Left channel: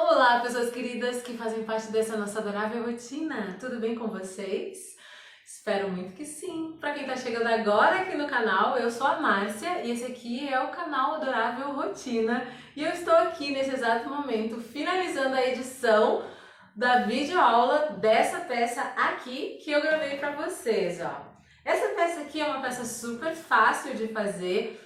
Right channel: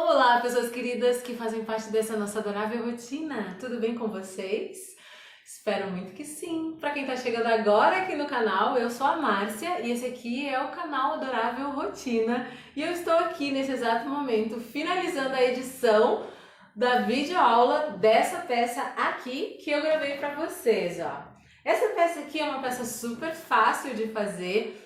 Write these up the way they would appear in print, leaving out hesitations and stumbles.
Olá, pessoas queridas que fazem parte dessa nossa adorável rotina. Tudo bem com vocês? Espero muito que sim. Para quem está chegando agora aqui no canal, eu sou a Márcia e esse aqui é o canal Adorável Rotina. E eu estou aqui nesse exato momento finalizando a edição da videoaula dessa peça aqui que eu gravei para vocês, ó. Essa peça aqui é uma peça super fácil de fazer,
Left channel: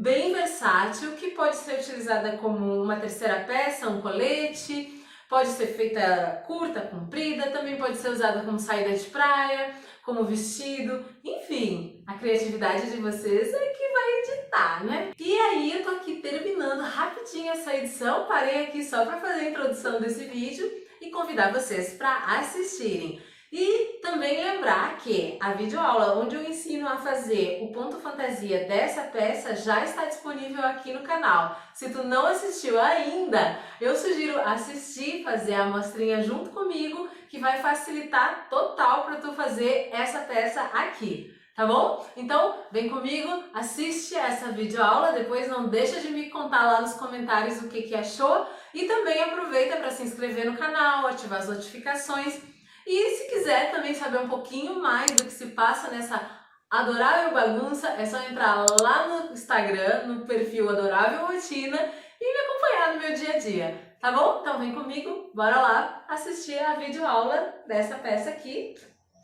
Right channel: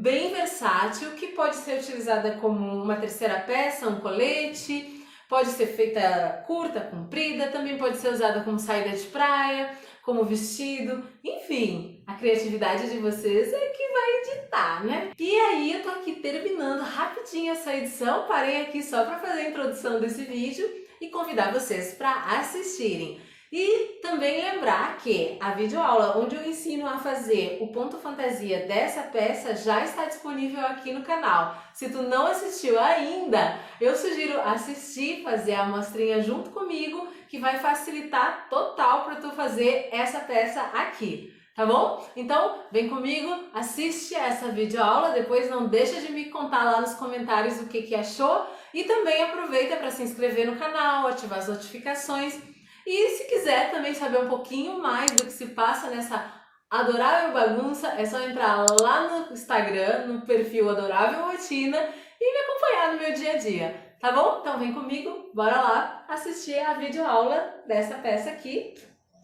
bem versátil, que pode ser utilizada como uma terceira peça, um colete, pode ser feita curta, comprida, também pode ser usada como saída de praia, como vestido, enfim, a criatividade de vocês é que vai editar, né? E aí eu tô aqui terminando rapidinho essa edição, parei aqui só para fazer a introdução desse vídeo e convidar vocês para assistirem. E também lembrar que a videoaula onde eu ensino a fazer o ponto fantasia dessa peça já está disponível aqui no canal. Se tu não assistiu ainda, eu sugiro assistir, fazer a amostrinha junto comigo, que vai facilitar total para tu fazer essa peça aqui. Tá bom? Então, vem comigo, assiste essa videoaula, depois não deixa de me contar lá nos comentários o que achou e também aproveita para se inscrever no canal, ativar as notificações. E se quiser também saber um pouquinho mais do que se passa nessa adorável bagunça, é só entrar lá no Instagram, no perfil Adorável Rotina e me acompanhar no meu dia a dia, tá bom? Então vem comigo, bora lá assistir a videoaula dessa peça aqui,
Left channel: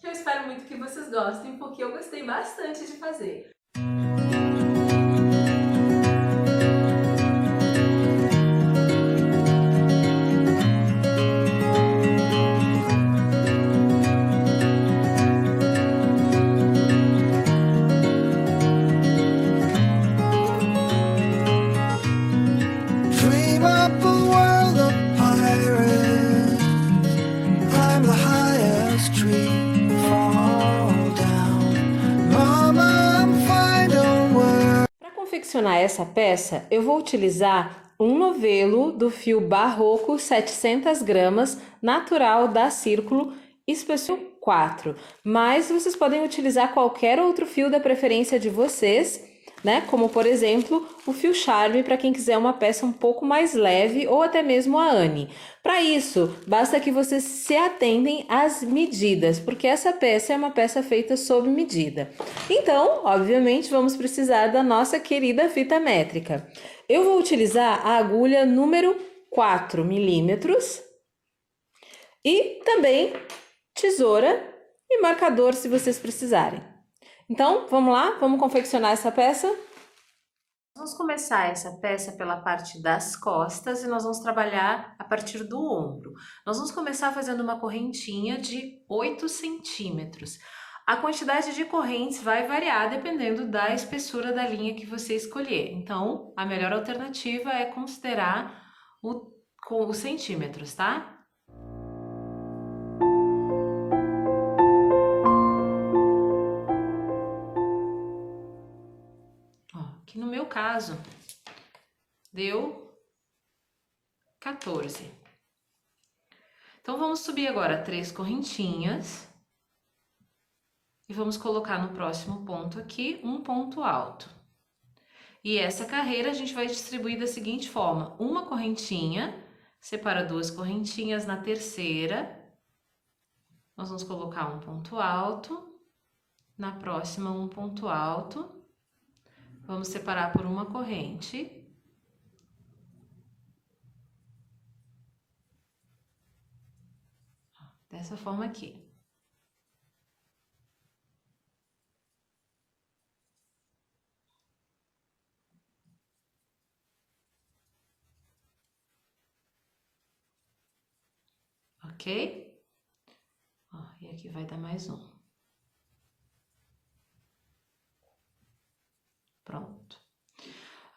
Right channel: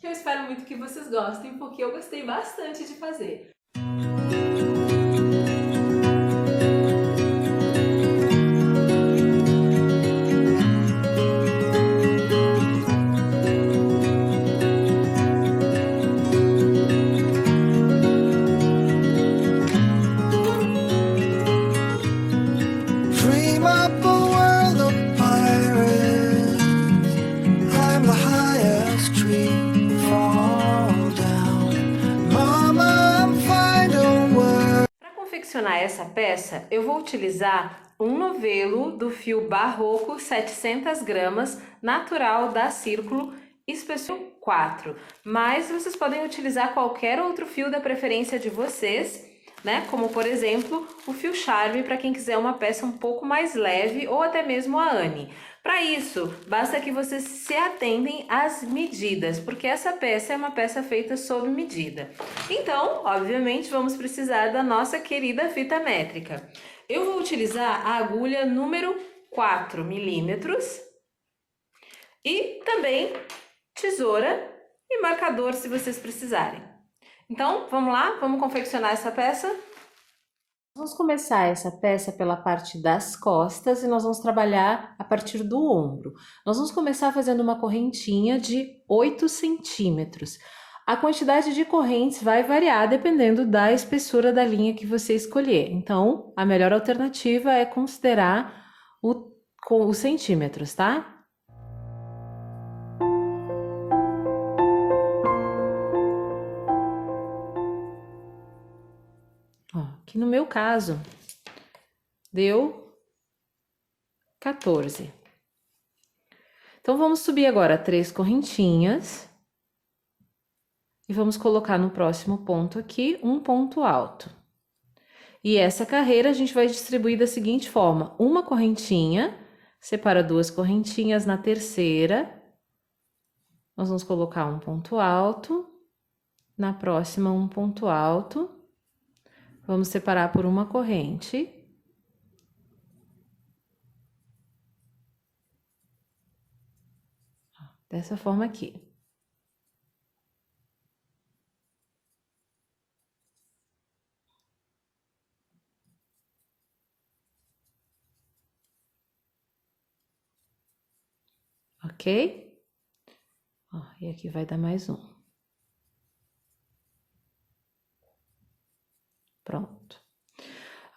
que eu espero muito que vocês gostem, porque eu gostei bastante de fazer. Confeccionar essa peça, eu vou utilizar um novelo do fio barroco 700 gramas, natural da Círculo, espessura 4, mas vocês podem utilizar qualquer outro fio da preferência de vocês, né? Como por exemplo, o fio Charme para quem quiser uma peça um pouco mais leve ou até mesmo a Anne. Para isso, basta que vocês se atentem às medidas, porque essa peça é uma peça feita sob medida. Então, obviamente, vamos precisar da nossa querida fita métrica. Eu vou utilizar a agulha número 4 milímetros e também tesoura e marcador se vocês precisarem. Então, vamos lá? Vamos confeccionar essa peça? Vamos começar essa peça pela parte das costas e nós vamos trabalhar a partir do ombro. Nós vamos começar fazendo uma correntinha de 8 centímetros. A quantidade de correntes vai variar dependendo da espessura da linha que você escolher. Então, a melhor alternativa é considerar os centímetros, tá? Ó, aqui no meu caso, deu 14. Então, vamos subir agora 3 correntinhas e vamos colocar no próximo ponto aqui um ponto alto. E essa carreira a gente vai distribuir da seguinte forma: uma correntinha, separa 2 correntinhas na terceira, nós vamos colocar um ponto alto, na próxima um ponto alto, vamos separar por uma corrente. Dessa forma aqui. Ok? Ó, e aqui vai dar mais um. Pronto.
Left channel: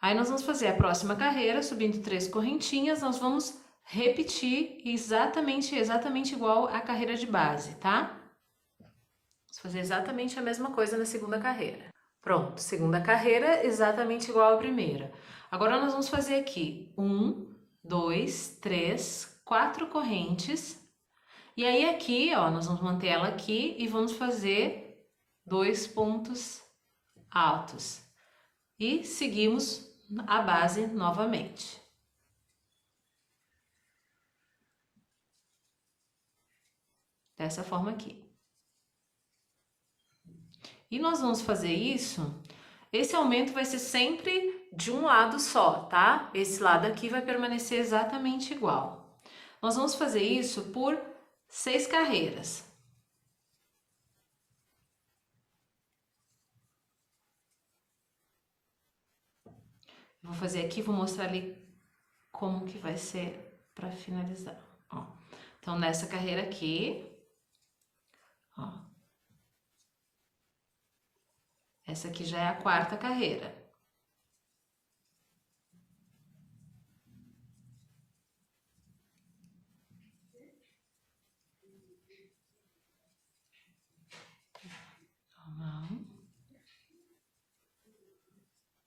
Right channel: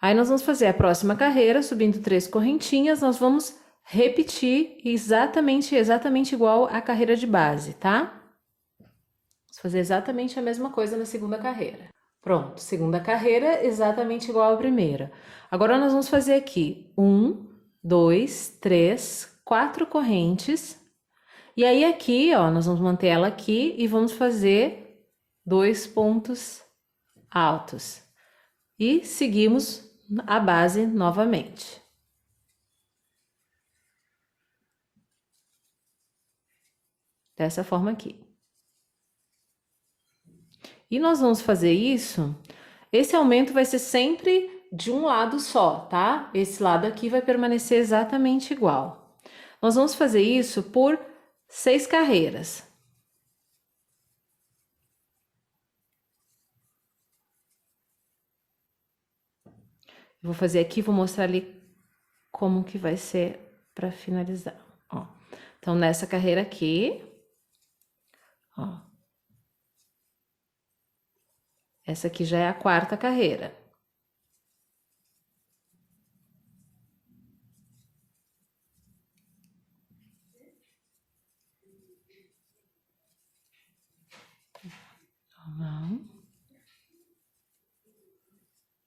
Aí, nós vamos fazer a próxima carreira, subindo 3 correntinhas, nós vamos repetir exatamente igual a carreira de base, tá? Vamos fazer exatamente a mesma coisa na segunda carreira. Pronto, segunda carreira, exatamente igual à primeira. Agora, nós vamos fazer aqui 1, 2, 3, 4 correntes. E aí, aqui, ó, nós vamos manter ela aqui e vamos fazer 2 pontos altos. E seguimos a base novamente. dessa forma aqui. E nós vamos fazer isso, esse aumento vai ser sempre de um lado só, tá? Esse lado aqui vai permanecer exatamente igual. Nós vamos fazer isso por 6 carreiras. Eu vou fazer aqui, vou mostrar ali como que vai ser para finalizar, ó. Então, nessa carreira aqui, ó. Essa aqui já é a 4ª carreira.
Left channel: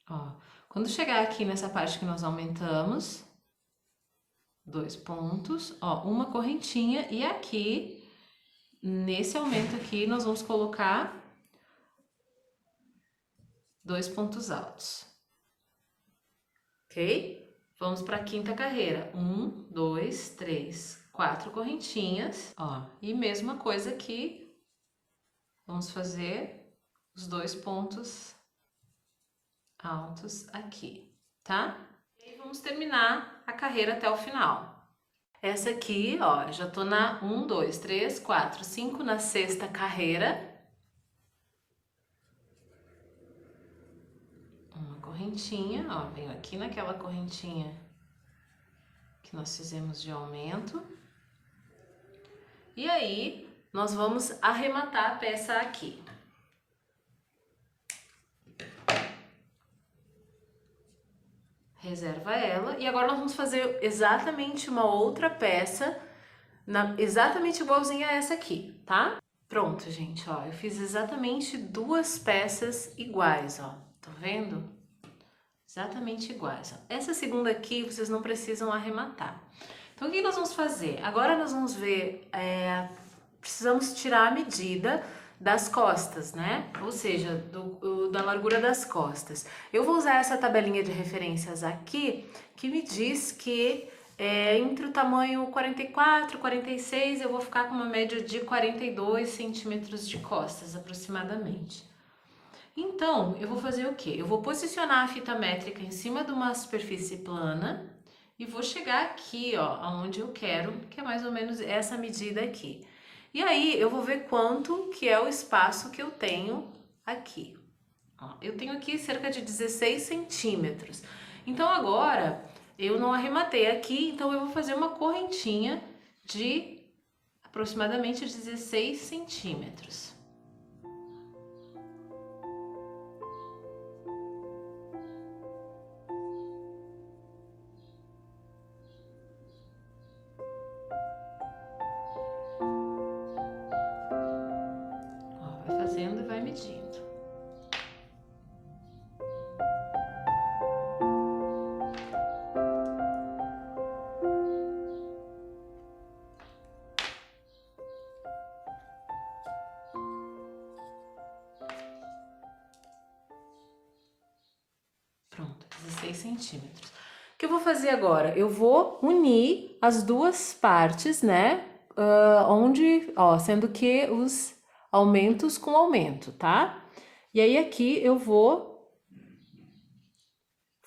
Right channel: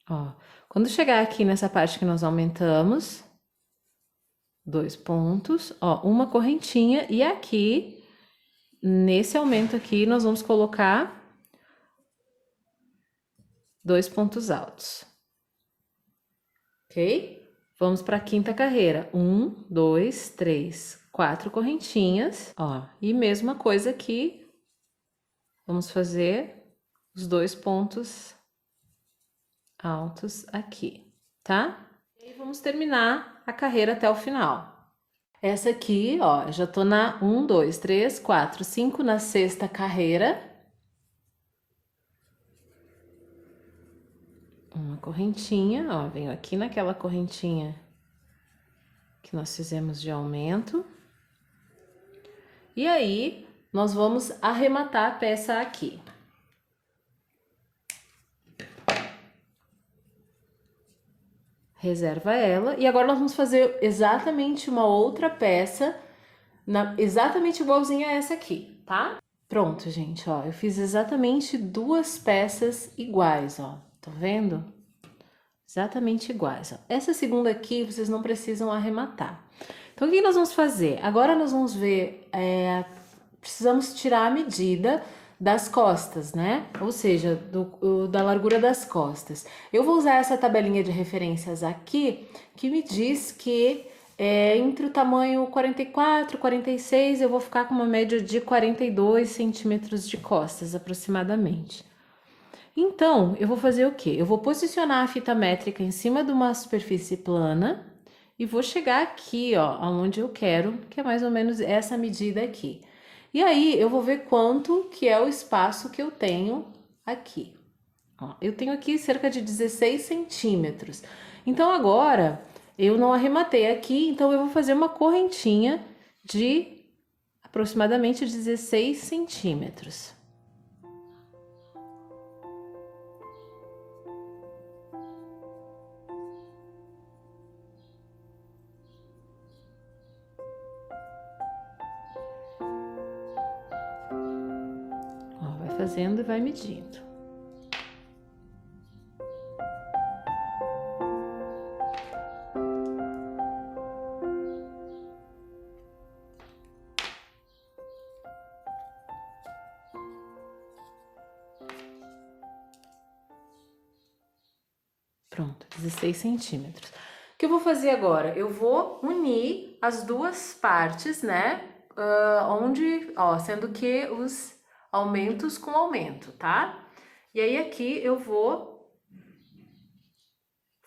Ó, quando chegar aqui nessa parte que nós aumentamos, 2 pontos, ó, uma correntinha, e aqui, nesse aumento aqui, nós vamos colocar 2 pontos altos. Ok? Vamos para a 5ª carreira. 1, 2, 3, 4 correntinhas, ó, e mesma coisa aqui, vamos fazer os 2 pontos altos aqui, tá? E vamos terminar a carreira até o final. Essa aqui, ó, já tô na 1, 2, 3, 4, 5, na 6ª carreira. Uma correntinha, ó, venho aqui naquela correntinha que nós fizemos de aumento. E aí, nós vamos arrematar a peça aqui. Reserva ela, e agora nós vamos fazer exatamente uma outra peça, exatamente igualzinha a essa aqui, tá? Pronto, gente, ó, eu fiz exatamente 2 peças iguais, ó, tá vendo? Exatamente iguais, ó. Essa segunda aqui, vocês não precisam arrematar. Então, o que nós vamos fazer? Agora nós vamos ver, precisamos tirar a medida das costas, né? Ou seja, da largura das costas. Eu vou usar essa tabelinha de referências aqui, que me diz que entre o tamanho 44 e 46, eu vou ficar com uma média de 42 centímetros de costas, aproximadamente. Então, eu vou fazer o quê? Eu vou posicionar a fita métrica em cima de uma superfície plana e vou chegar aqui, ó, aonde eu quero, que é mais ou menos essa medida aqui. E aí, eu vou ver quanto que é o espaço que eu tenho aqui. Ó, eu tenho aqui cerca de 16 centímetros. Então, agora, eu não arrematei aqui, então eu vou fazer uma correntinha de aproximadamente 16 centímetros. Fazendo e vai medindo. Pronto, 16 centímetros. O que eu vou fazer agora? Eu vou unir as duas partes, né? Sendo que os aumentos com aumento, tá? E aí aqui eu vou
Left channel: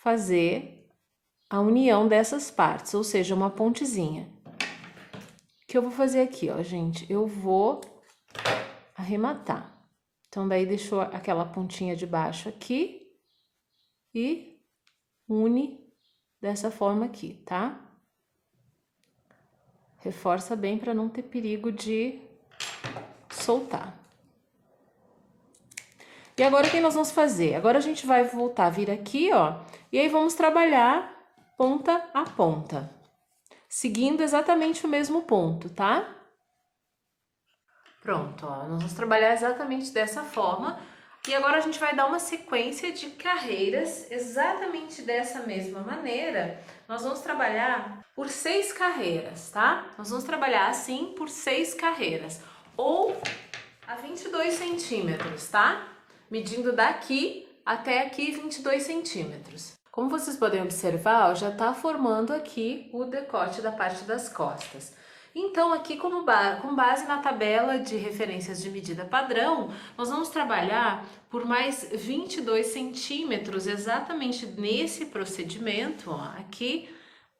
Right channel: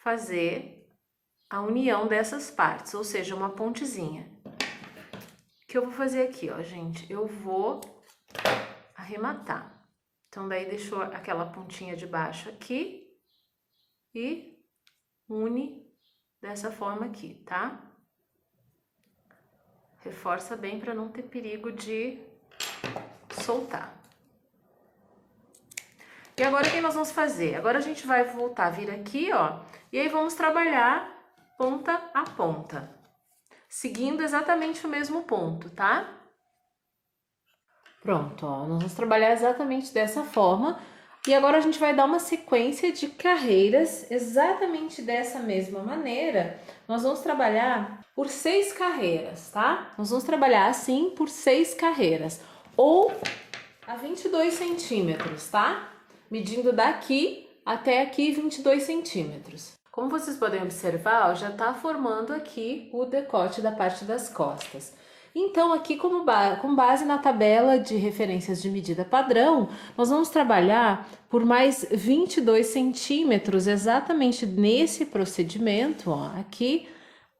fazer a união dessas partes, ou seja, uma pontezinha. O que eu vou fazer aqui, ó, gente? Eu vou arrematar. Então, daí deixou aquela pontinha de baixo aqui e une dessa forma aqui, tá? Reforça bem para não ter perigo de soltar. E agora o que nós vamos fazer? Agora a gente vai voltar a vir aqui, ó, e aí vamos trabalhar ponta a ponta, seguindo exatamente o mesmo ponto, tá? Pronto, ó, nós vamos trabalhar exatamente dessa forma. E agora a gente vai dar uma sequência de carreiras exatamente dessa mesma maneira. Nós vamos trabalhar por 6 carreiras, tá? Nós vamos trabalhar assim por 6 carreiras, ou a 22 centímetros, tá? Medindo daqui até aqui 22 centímetros. Como vocês podem observar, ó, já tá formando aqui o decote da parte das costas. Então, aqui com base na tabela de referências de medida padrão, nós vamos trabalhar por mais 22 centímetros, exatamente nesse procedimento, ó, aqui,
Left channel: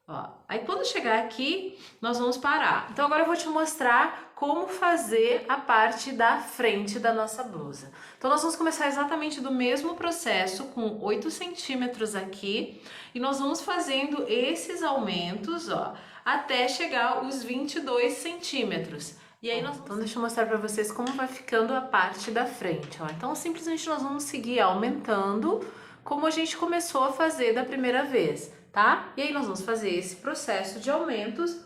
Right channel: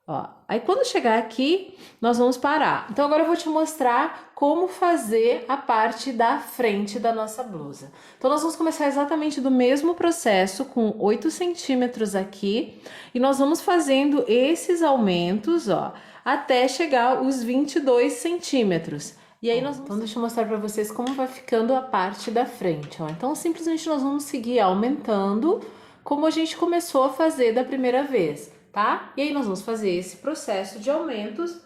ó. Aí, quando chegar aqui, nós vamos parar. Então, agora eu vou te mostrar como fazer a parte da frente da nossa blusa. Então, nós vamos começar exatamente do mesmo processo, com 8 centímetros aqui, e nós vamos fazendo esses aumentos, ó, até chegar os 22 centímetros. E aí então deixa eu mostrar para vocês como vai ficando a parte da frente, ó. Então simplesmente nós vamos seguir aumentando como a gente começou a fazer da primeira vez, tá? E aí nós vamos fazer esse processo de aumentos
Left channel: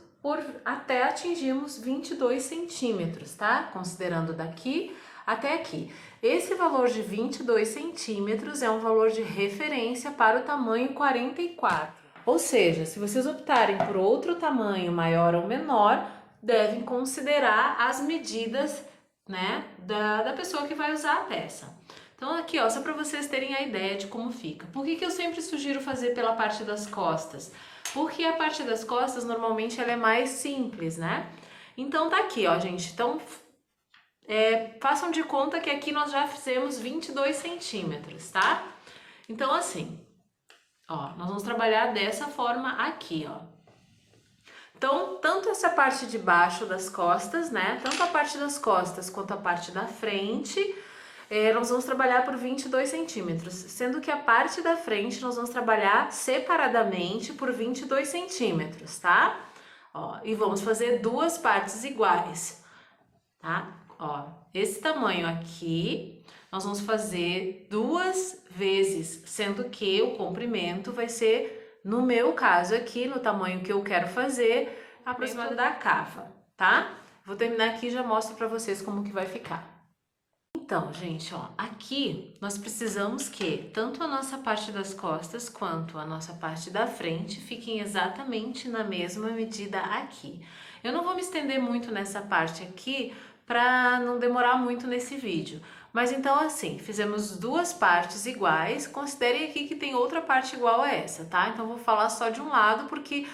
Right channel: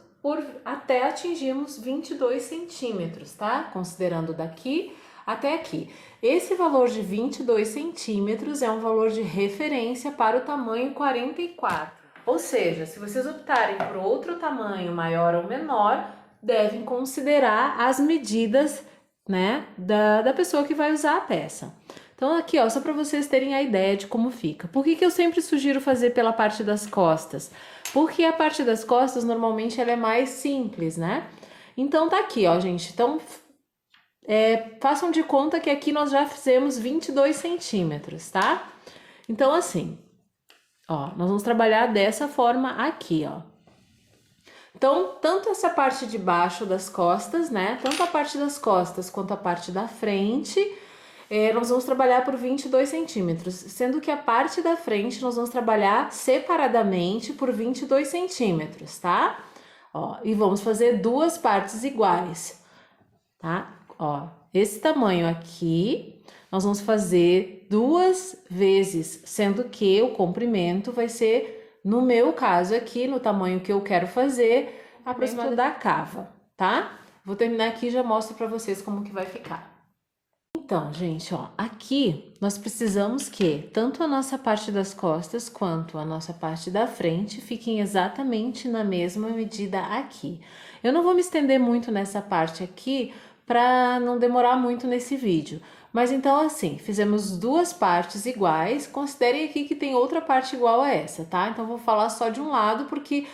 até atingirmos 22 centímetros, tá? Considerando daqui até aqui. Esse valor de 22 centímetros é um valor de referência para o tamanho 44. Ou seja, se vocês optarem por outro tamanho maior ou menor, devem considerar as medidas, né, da pessoa que vai usar a peça. Então aqui, ó, só para vocês terem a ideia de como fica. Por que eu sempre sugiro fazer pela parte das costas? Porque a parte das costas, normalmente, ela é mais simples, né? Então tá aqui, ó, gente. Então, façam de conta que aqui nós já fizemos 22 centímetros, tá? Então, assim... Ó, nós vamos trabalhar dessa forma aqui, ó. Então, tanto essa parte de baixo das costas, né? Tanto a parte das costas quanto a parte da frente, nós vamos trabalhar por 22 centímetros. Sendo que a parte da frente nós vamos trabalhar separadamente por 22 centímetros, tá? Ó, e vamos fazer duas partes iguais, tá? Ó, esse tamanho aqui... Nós vamos fazer 2 vezes, sendo que o comprimento vai ser, no meu caso aqui, no tamanho que eu quero fazer, aproximadamente da cava, tá? Vou terminar aqui e já mostro para vocês como que vai ficar. Então, gente, ó, aqui nós precisamos que tanto a nossa parte das costas quanto a nossa parte da frente fiquem exatamente na mesma medida aqui. Eu não vou me estender muito nessa parte aqui para não demorar muito nesse vídeo. Mas então assim, fizemos duas partes iguais, considerem aqui que tem outra parte igual a essa, tá? Então vou falar só de um lado porque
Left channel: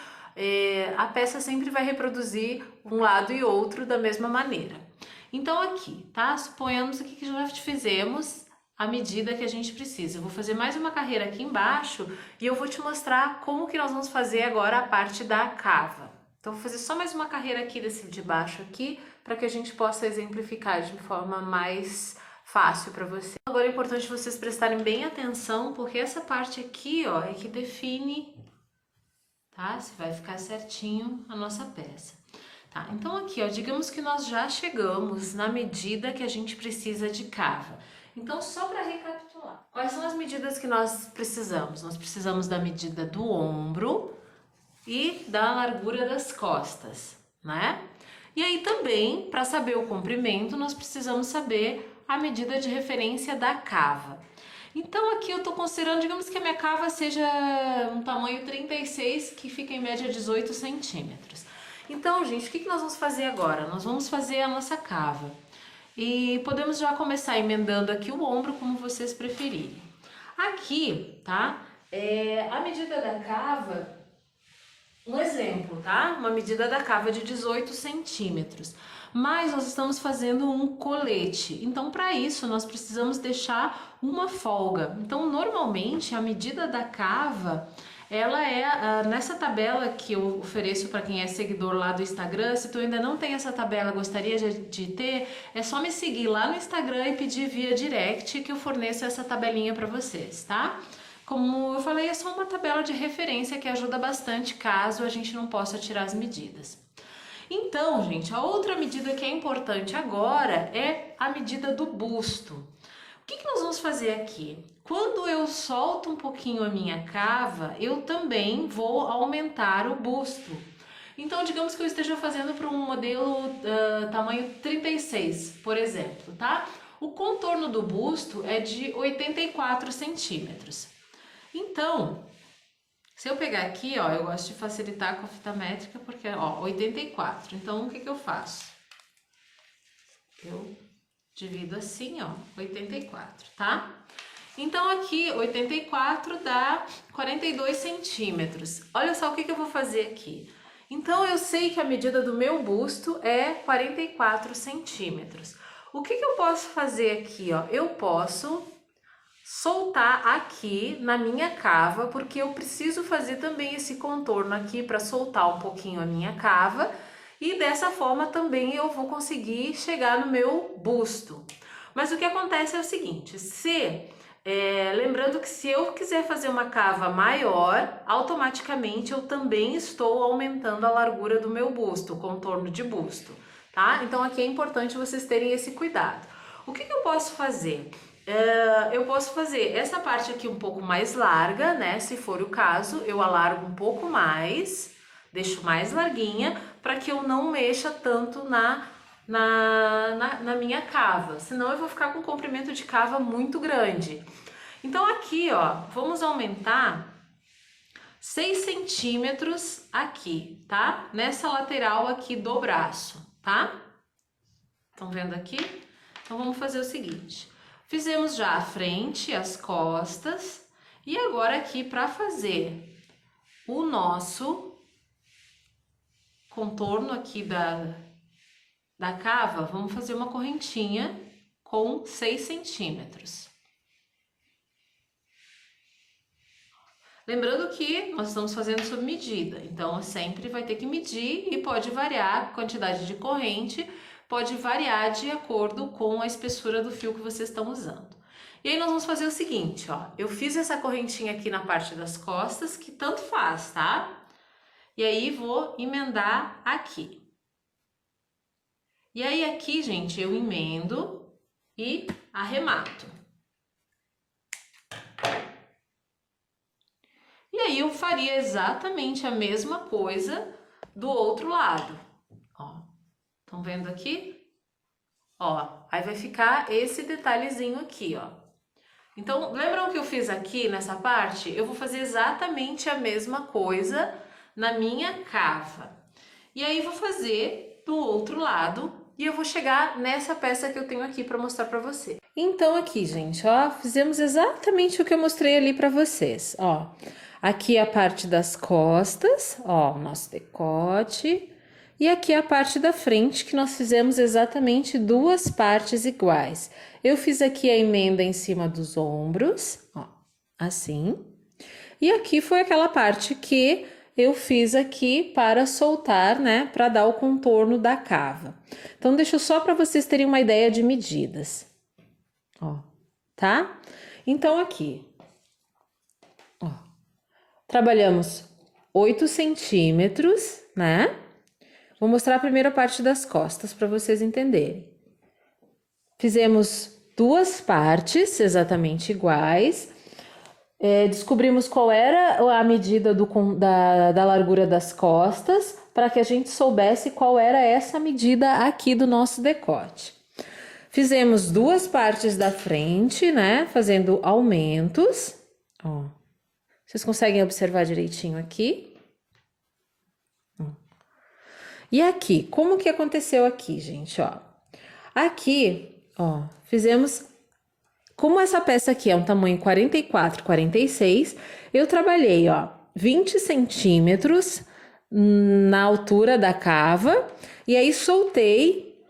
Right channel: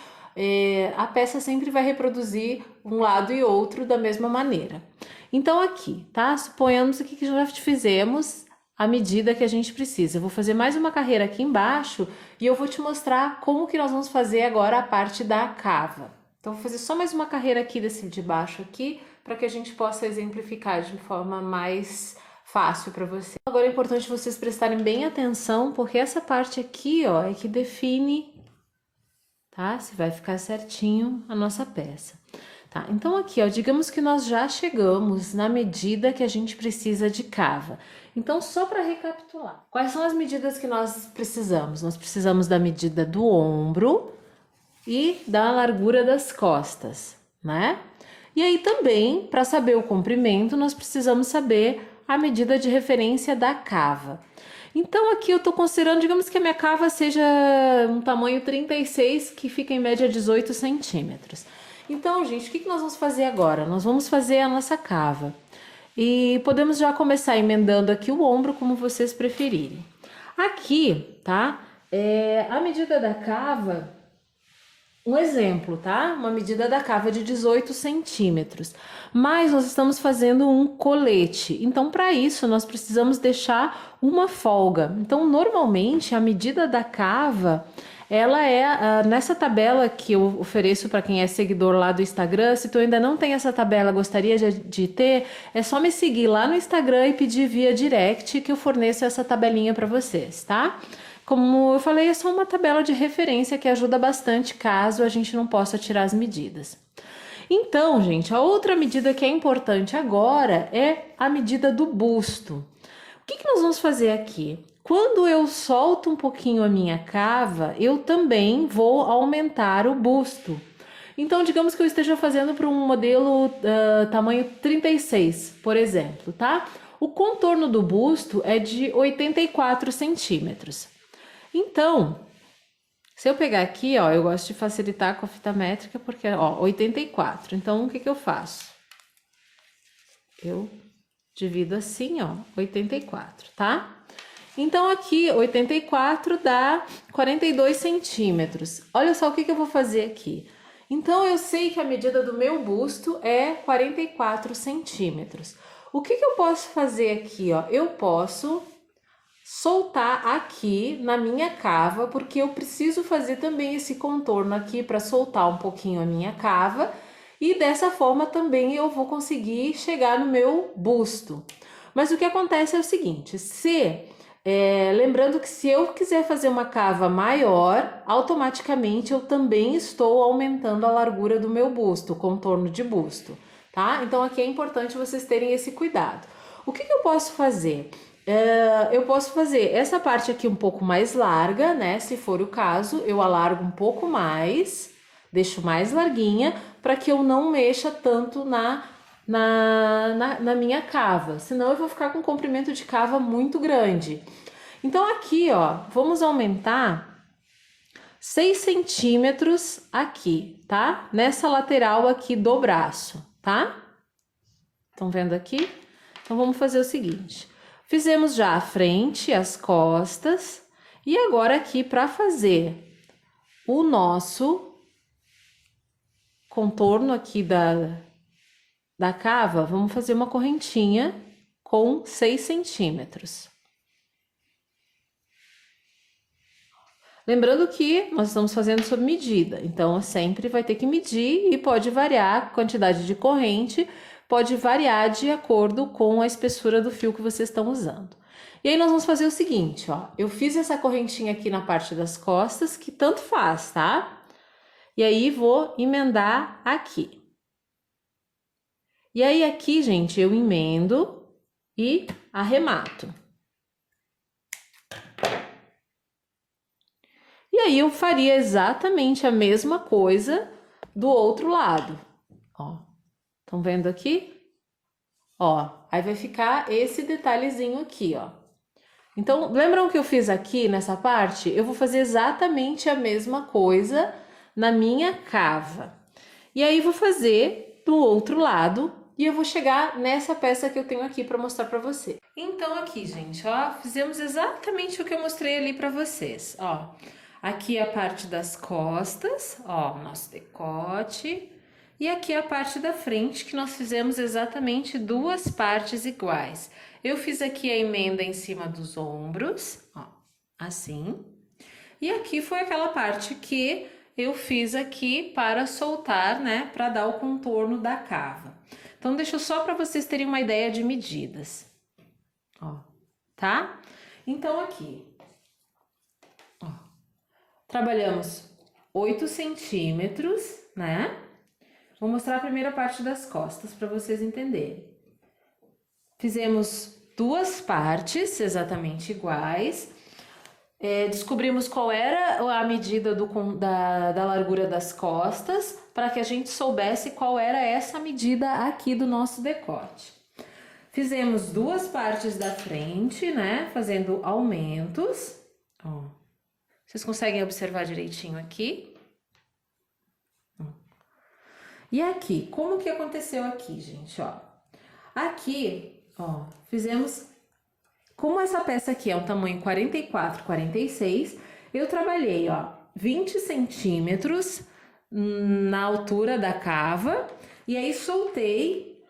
a peça sempre vai reproduzir um lado e outro da mesma maneira. Então aqui, tá? Suponhamos aqui que já fizemos a medida que a gente precisa. Eu vou fazer mais uma carreira aqui embaixo e eu vou te mostrar como que nós vamos fazer agora a parte da cava. Então vou fazer só mais uma carreira aqui desse de baixo aqui, para que a gente possa exemplificar de forma mais fácil para você. Agora é importante vocês prestarem bem atenção, porque essa parte aqui, ó, é que define, tá? Se vai ficar certinho a nossa peça. Tá? Então aqui, ó, digamos que nós já chegamos na medida que a gente precisa de cava. Então, só para recapitular, quais são as medidas que nós precisamos? Nós precisamos da medida do ombro e da largura das costas, né? E aí também, para saber o comprimento, nós precisamos saber a medida de referência da cava. Então aqui eu estou considerando, digamos que a minha cava seja um tamanho 36, que fica em média 18 centímetros. Então, gente, o que nós vamos fazer agora? Nós vamos fazer a nossa cava. E podemos já começar emendando aqui o ombro, como vocês preferirem. Aqui, tá? A medida da cava, um exemplo, tá? Uma medida da cava de 18 centímetros. Mas nós estamos fazendo um colete. Então, para isso, nós precisamos deixar uma folga. Então, normalmente, a medida da cava... ela é, nessa tabela que eu ofereço para quem é seguidor lá do Instagram, se tu ainda não tem essa tabela, gostaria de ter, é só me seguir lá no Instagram e pedir via direct que eu forneço essa tabelinha para vocês, tá? Como eu falei, é só uma tabela de referência que ajuda bastante caso a gente não possa tirar as medidas. Então, gente, a outra medida que é importante agora é a medida do busto. O que nós vamos fazer aqui? Quando eu solto um pouquinho a minha cava, eu também vou aumentar o busto. Então, digamos que eu esteja fazendo para um modelo tamanho 36, por exemplo, tá? O contorno do busto é de 84 centímetros. Então, se eu pegar aqui, ó, eu gosto de facilitar com a fita métrica porque, ó, 84. Então, o que eu faço? Eu divido assim, ó, 84, tá? Então, aqui, 84 dá 42 centímetros. Olha só o que eu vou fazer aqui. Então, eu sei que a medida do meu busto é 44 centímetros. O que eu posso fazer aqui, ó? Eu posso soltar aqui na minha cava, porque eu preciso fazer também esse contorno aqui para soltar um pouquinho a minha cava, e dessa forma também eu vou conseguir chegar no meu busto. Mas o que acontece é o seguinte, lembrando que se eu quiser fazer uma cava maior, automaticamente eu também estou aumentando a largura do meu busto, o contorno de busto, tá? Então aqui é importante vocês terem esse cuidado. O que eu posso fazer? Eu posso fazer essa parte aqui um pouco mais larga, né? Se for o caso, eu alargo um pouco mais, deixo mais larguinha, para que eu não mexa tanto na minha cava, senão eu vou ficar com um comprimento de cava muito grande. Então aqui, ó, vamos aumentar 6 centímetros aqui, tá? Nessa lateral aqui do braço, tá? Estão vendo aqui? Então vamos fazer o seguinte. Fizemos já a frente, as costas, e agora aqui para fazer o nosso contorno aqui da cava, vamos fazer uma correntinha com 6 centímetros. Lembrando que nós estamos fazendo sob medida, então sempre vai ter que medir e pode variar a quantidade de corrente, pode variar de acordo com a espessura do fio que vocês estão usando. E aí nós vamos fazer o seguinte, ó, eu fiz essa correntinha aqui na parte das costas, que tanto faz, tá? E aí vou emendar aqui. E aí aqui, gente, eu emendo e arremato. E aí eu faria exatamente a mesma coisa do outro lado, ó. Estão vendo aqui? Ó, aí vai ficar esse detalhezinho aqui, ó. Então, lembram que eu fiz aqui nessa parte? Eu vou fazer exatamente a mesma coisa na minha cava. E aí vou fazer do outro lado e eu vou chegar nessa peça que eu tenho aqui para mostrar para você. Então aqui, gente, ó, fizemos exatamente o que eu mostrei ali para vocês, ó. Aqui a parte das costas, ó, nosso decote. E aqui a parte da frente, que nós fizemos exatamente duas partes iguais. Eu fiz aqui a emenda em cima dos ombros, ó, assim. E aqui foi aquela parte que eu fiz aqui para soltar, né, para dar o contorno da cava. Então, deixa eu só para vocês terem uma ideia de medidas, ó, tá? Então, aqui, ó, trabalhamos 8 centímetros, né? Vou mostrar a primeira parte das costas para vocês entenderem. Fizemos duas partes exatamente iguais. Descobrimos qual era a medida da largura das costas, para que a gente soubesse qual era essa medida aqui do nosso decote. Fizemos duas partes da frente, né? Fazendo aumentos. Ó. Vocês conseguem observar direitinho aqui? E aqui, como que aconteceu aqui, gente, ó? Aqui, ó, fizemos... Como essa peça aqui é um tamanho 44, 46, eu trabalhei, ó, 20 centímetros na altura da cava, e aí soltei,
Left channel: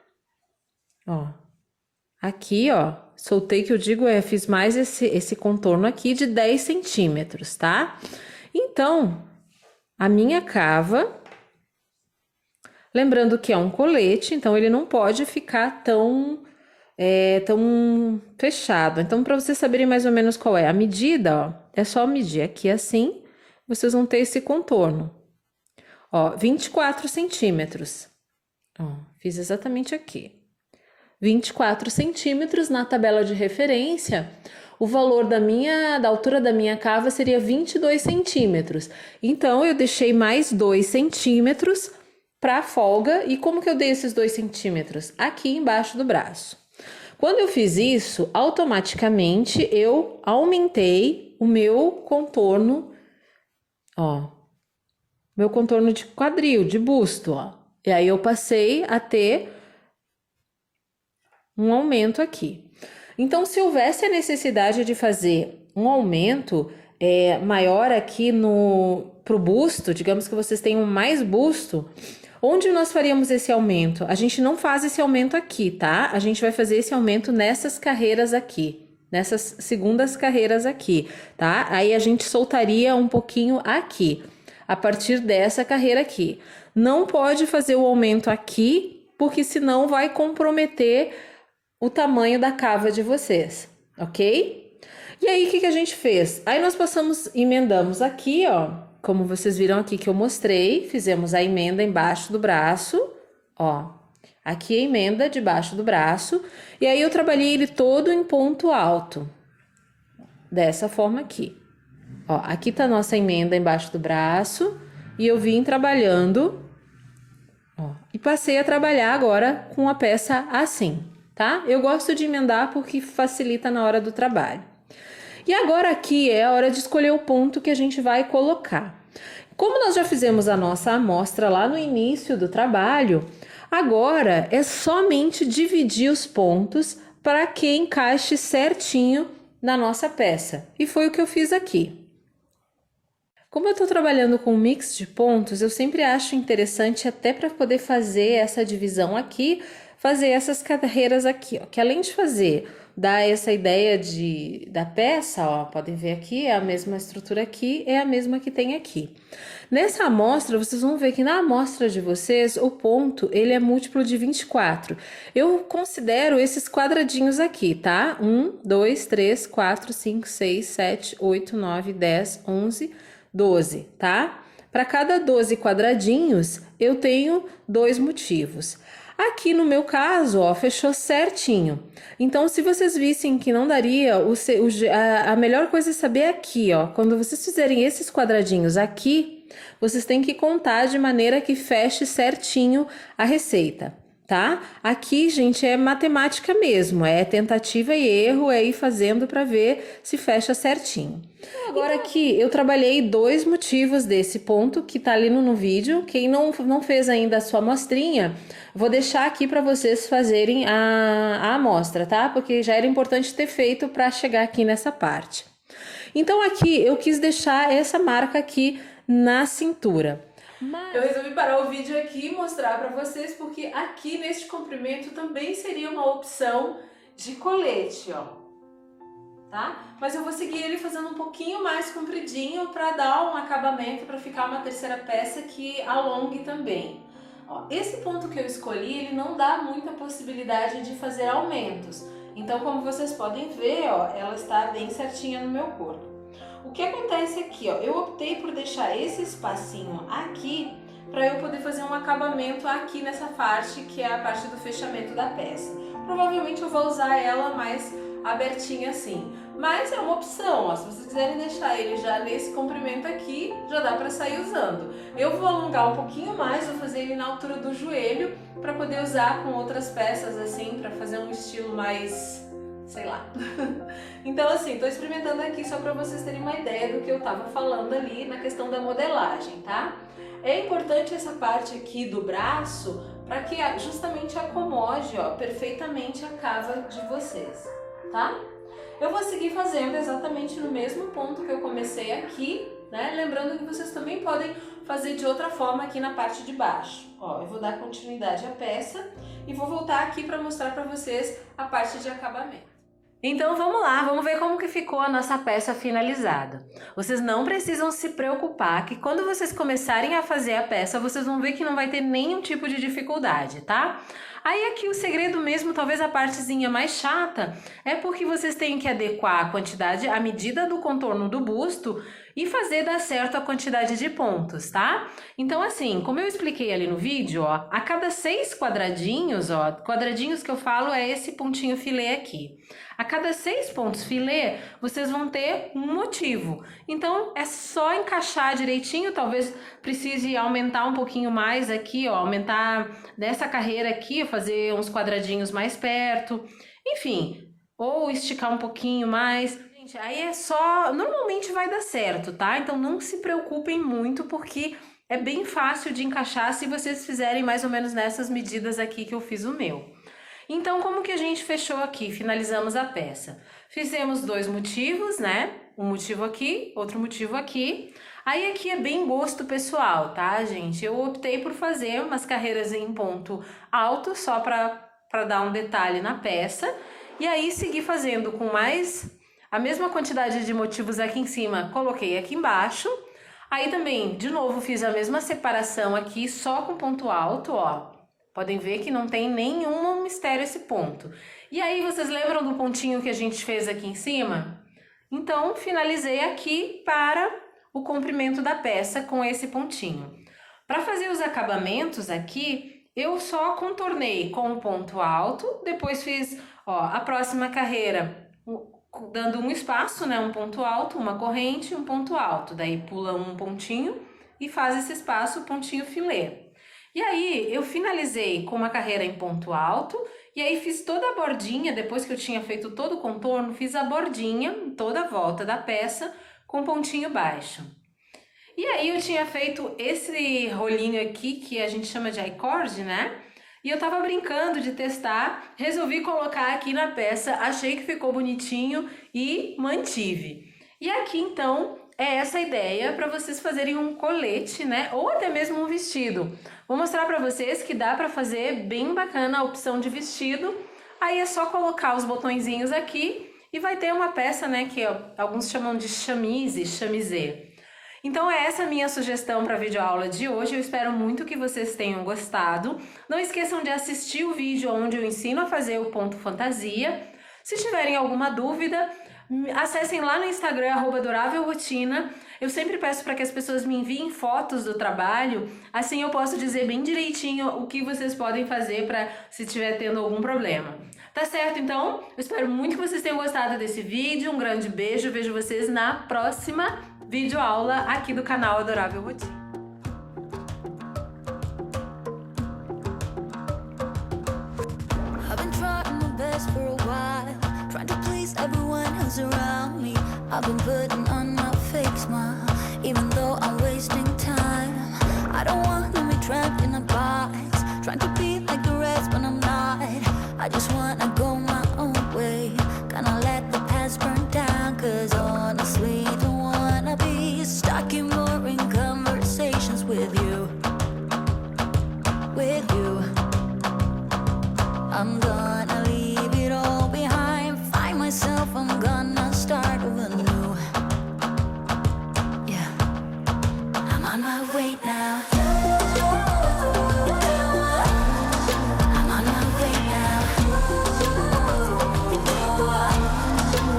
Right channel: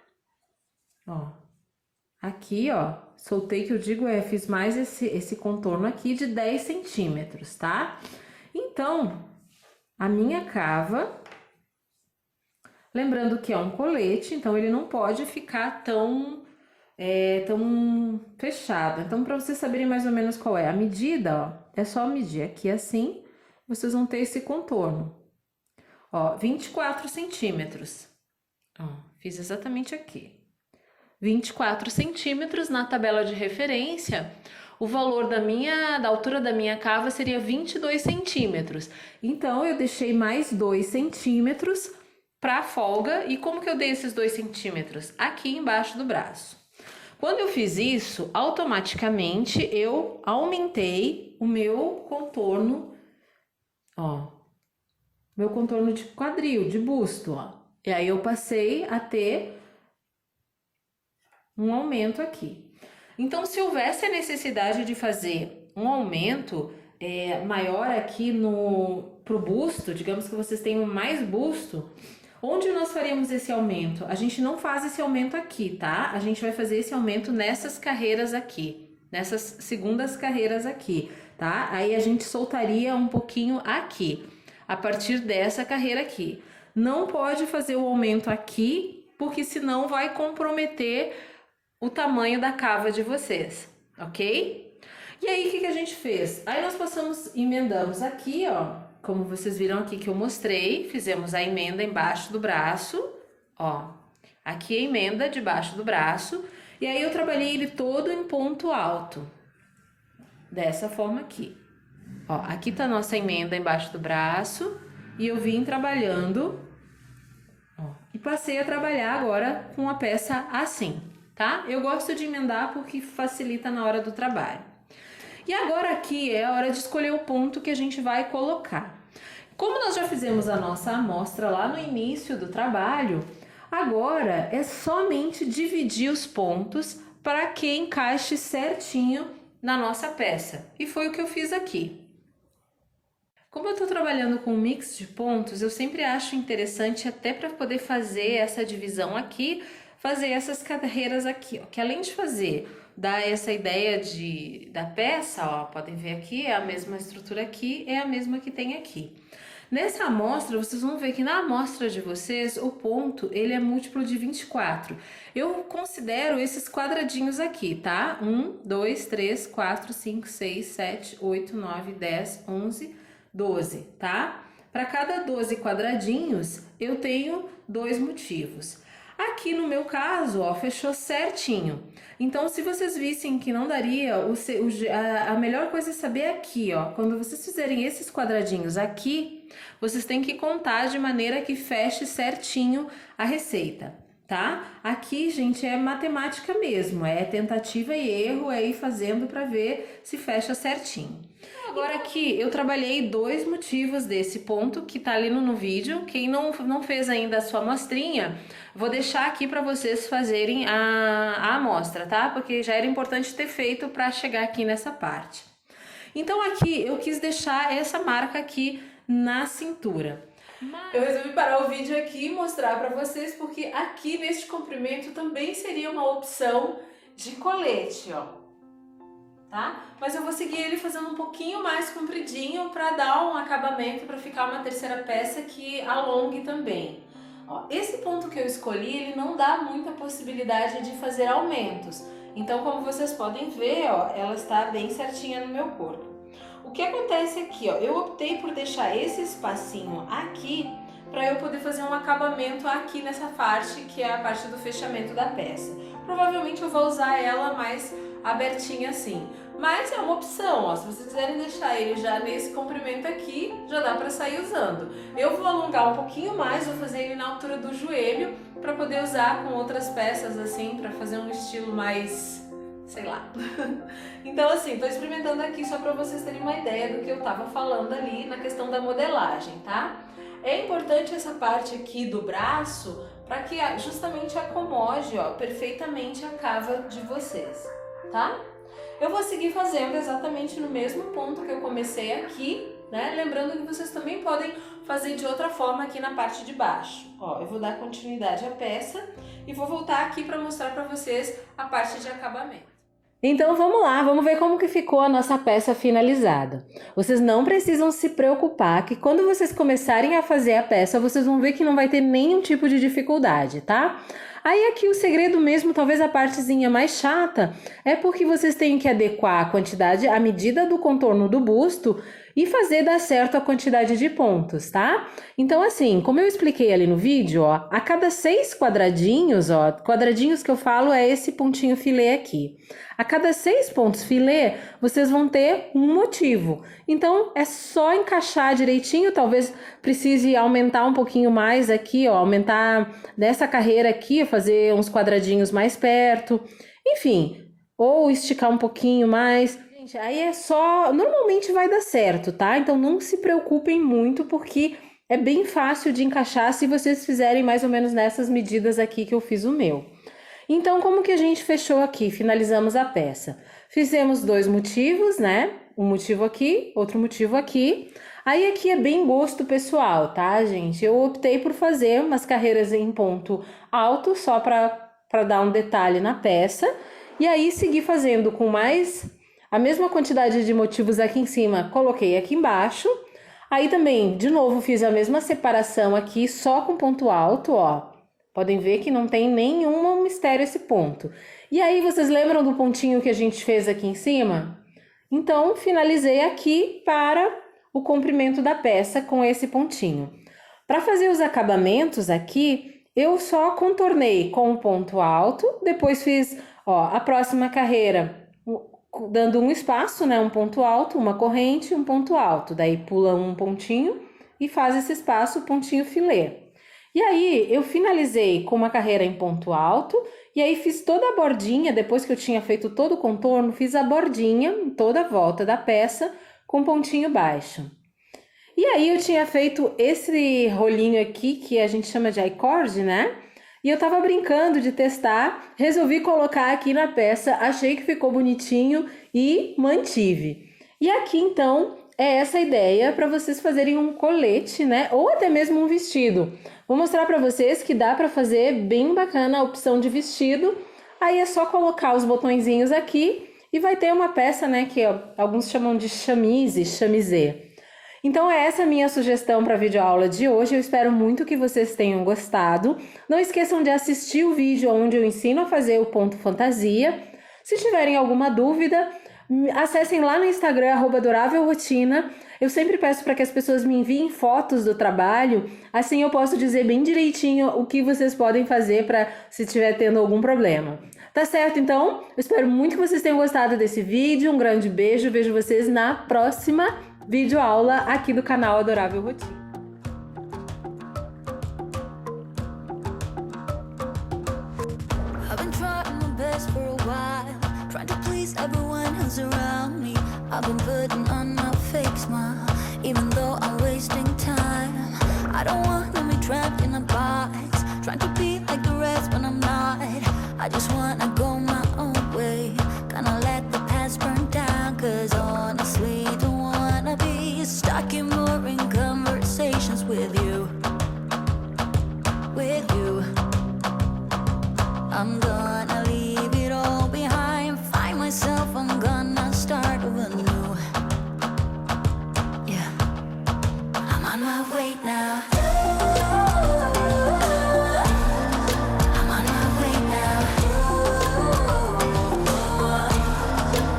ó, aqui, ó, soltei, que eu digo, fiz mais esse contorno aqui de 10 centímetros, tá? Então, a minha cava... Lembrando que é um colete, então ele não pode ficar tão fechado. Então, para vocês saberem mais ou menos qual é a medida, ó, é só medir aqui assim, vocês vão ter esse contorno. Ó, 24 centímetros. Ó, fiz exatamente aqui. 24 centímetros na tabela de referência, o valor da altura da minha cava seria 22 centímetros. Então, eu deixei mais 2 centímetros para folga. E como que eu dei esses 2 centímetros? Aqui embaixo do braço. Quando eu fiz isso, automaticamente eu aumentei o meu contorno, ó, meu contorno de quadril, de busto, ó. E aí eu passei a ter um aumento aqui. Então, se houvesse a necessidade de fazer um aumento, maior aqui pro busto, digamos que vocês tenham mais busto, onde nós faríamos esse aumento? A gente não faz esse aumento aqui, tá? A gente vai fazer esse aumento nessas carreiras aqui, nessas segundas carreiras aqui, tá? Aí a gente soltaria um pouquinho aqui, a partir dessa carreira aqui. Não pode fazer o aumento aqui, porque senão vai comprometer o tamanho da cava de vocês, ok? E aí, o que a gente fez? Aí nós emendamos aqui, ó, como vocês viram aqui que eu mostrei, fizemos a emenda embaixo do braço, ó, aqui a emenda debaixo do braço, e aí eu trabalhei ele todo em ponto alto, dessa forma aqui. Ó, aqui tá a nossa emenda embaixo do braço, e eu vim trabalhando, ó, e passei a trabalhar agora com a peça assim, tá? Eu gosto de emendar porque facilita na hora do trabalho. E agora aqui é a hora de escolher o ponto que a gente vai colocar. Como nós já fizemos a nossa amostra lá no início do trabalho, agora é somente dividir os pontos para que encaixe certinho na nossa peça. E foi o que eu fiz aqui. Como eu estou trabalhando com um mix de pontos, eu sempre acho interessante, até para poder fazer essa divisão aqui, fazer essas carreiras aqui, ó, que além de dar essa ideia da peça, ó, podem ver aqui, é a mesma estrutura aqui, é a mesma que tem aqui. Nessa amostra, vocês vão ver que na amostra de vocês, o ponto, ele é múltiplo de 24. Eu considero esses quadradinhos aqui, tá? 1, 2, 3, 4, 5, 6, 7, 8, 9, 10, 11, 12, tá? Para cada 12 quadradinhos, eu tenho 2 motivos. Aqui no meu caso, ó, fechou certinho. Então, se vocês vissem que não daria, a melhor coisa é saber aqui, ó. Quando vocês fizerem esses quadradinhos aqui, vocês têm que contar de maneira que feche certinho a receita, tá? Aqui, gente, é matemática mesmo, é tentativa e erro, é ir fazendo para ver se fecha certinho. Agora aqui, eu trabalhei 2 motivos desse ponto que tá ali no vídeo. Quem não fez ainda a sua amostrinha, vou deixar aqui para vocês fazerem a amostra, tá? Porque já era importante ter feito para chegar aqui nessa parte. Então aqui eu quis deixar essa marca aqui na cintura. Eu resolvi parar o vídeo aqui e mostrar para vocês, porque aqui neste comprimento também seria uma opção de colete, ó. Tá? Mas eu vou seguir ele fazendo um pouquinho mais compridinho para dar um acabamento, para ficar uma terceira peça que alongue também. Ó, esse ponto que eu escolhi, ele não dá muita possibilidade de fazer aumentos. Então, como vocês podem ver, ó, ela está bem certinha no meu corpo. O que acontece aqui, ó, eu optei por deixar esse espacinho aqui para eu poder fazer um acabamento aqui nessa parte, que é a parte do fechamento da peça. Provavelmente eu vou usar ela mais abertinha assim, mas é uma opção, ó, se vocês quiserem deixar ele já nesse comprimento aqui, já dá para sair usando. Eu vou alongar um pouquinho mais, vou fazer ele na altura do joelho para poder usar com outras peças assim, para fazer um estilo mais, sei lá. Então assim, tô experimentando aqui só para vocês terem uma ideia do que eu tava falando ali na questão da modelagem, tá? É importante essa parte aqui do braço para que justamente acomode, ó, perfeitamente a cava de vocês, tá? Eu vou seguir fazendo exatamente no mesmo ponto que eu comecei aqui, né? Lembrando que vocês também podem fazer de outra forma aqui na parte de baixo. Ó, eu vou dar continuidade à peça e vou voltar aqui para mostrar para vocês a parte de acabamento. Então vamos lá, vamos ver como que ficou a nossa peça finalizada. Vocês não precisam se preocupar que quando vocês começarem a fazer a peça, vocês vão ver que não vai ter nenhum tipo de dificuldade, tá? Aí aqui o segredo mesmo, talvez a partezinha mais chata, é porque vocês têm que adequar a quantidade, a medida do contorno do busto e fazer dar certo a quantidade de pontos, tá? Então assim, como eu expliquei ali no vídeo, ó, a cada 6 quadradinhos, ó, quadradinhos que eu falo é esse pontinho filé aqui. A cada 6 pontos filé, vocês vão ter um motivo. Então, é só encaixar direitinho, talvez precise aumentar um pouquinho mais aqui, ó, aumentar nessa carreira aqui, fazer uns quadradinhos mais perto, enfim, ou esticar um pouquinho mais. Gente, aí é só, normalmente vai dar certo, tá? Então, não se preocupem muito, porque é bem fácil de encaixar se vocês fizerem mais ou menos nessas medidas aqui que eu fiz o meu. Então, como que a gente fechou aqui? Finalizamos a peça. Fizemos 2 motivos, né? Um motivo aqui, outro motivo aqui. Aí aqui é bem gosto pessoal, tá, gente? Eu optei por fazer umas carreiras em ponto alto, só para dar um detalhe na peça. E aí segui fazendo com mais a mesma quantidade de motivos aqui em cima, coloquei aqui embaixo. Aí também, de novo, fiz a mesma separação aqui, só com ponto alto, ó. Podem ver que não tem nenhum mistério esse ponto. E aí, vocês lembram do pontinho que a gente fez aqui em cima? Então, finalizei aqui para o comprimento da peça com esse pontinho. Para fazer os acabamentos aqui, eu só contornei com um ponto alto, depois fiz, ó, a próxima carreira dando um espaço, né, um ponto alto, uma corrente, um ponto alto. Daí pula um pontinho e faz esse espaço, pontinho filé. E aí eu finalizei com uma carreira em ponto alto e aí fiz toda a bordinha, depois que eu tinha feito todo o contorno, fiz a bordinha em toda a volta da peça com pontinho baixo. E aí eu tinha feito esse rolinho aqui que a gente chama de I-cord, né? E eu tava brincando de testar, resolvi colocar aqui na peça, achei que ficou bonitinho e mantive. E aqui então é essa ideia para vocês fazerem um colete, né? Ou até mesmo um vestido. Vou mostrar para vocês que dá para fazer bem bacana a opção de vestido. Aí é só colocar os botõezinhos aqui e vai ter uma peça, né? Que ó, alguns chamam de chemise, chamisé. Então é essa a minha sugestão para a videoaula de hoje, eu espero muito que vocês tenham gostado. Não esqueçam de assistir o vídeo onde eu ensino a fazer o ponto fantasia. Se tiverem alguma dúvida, acessem lá no Instagram, @adorávelrotina. Eu sempre peço para que as pessoas me enviem fotos do trabalho, assim eu posso dizer bem direitinho o que vocês podem fazer para se estiver tendo algum problema. Tá certo, então? Eu espero muito que vocês tenham gostado desse vídeo, um grande beijo, vejo vocês na próxima videoaula aqui do canal Adorável Rotina. I've been trying my best for a while, trying to please everyone who's around me. I've been putting on